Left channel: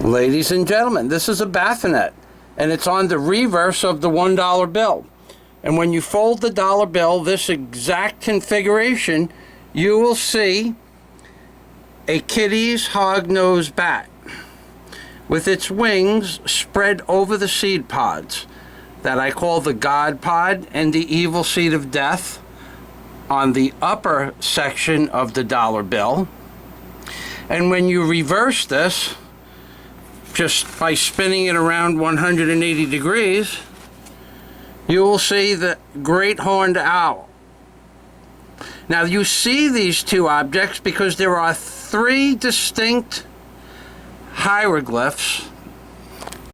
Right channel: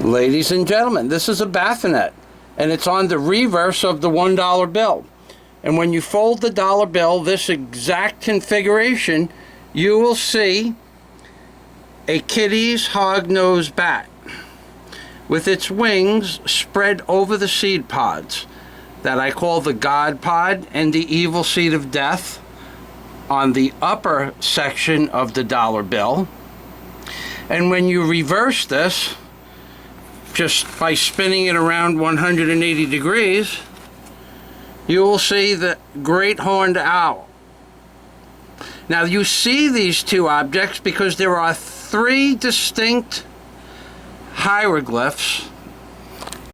Ladies and gentlemen, this is a bassinet, and it's on the reverse of the $1 bill. And when you fold the dollar bill, this exact configuration, you will see a Kitty's hognose bat with its wings spread over the seed pods that I call the God Pod and the Evil Seed of Death on the upper section of the dollar bill. And when you reverse this, just by spinning it around 180 degrees, you will see the great horned owl. Now you see these two objects because there are three distinct hieroglyphs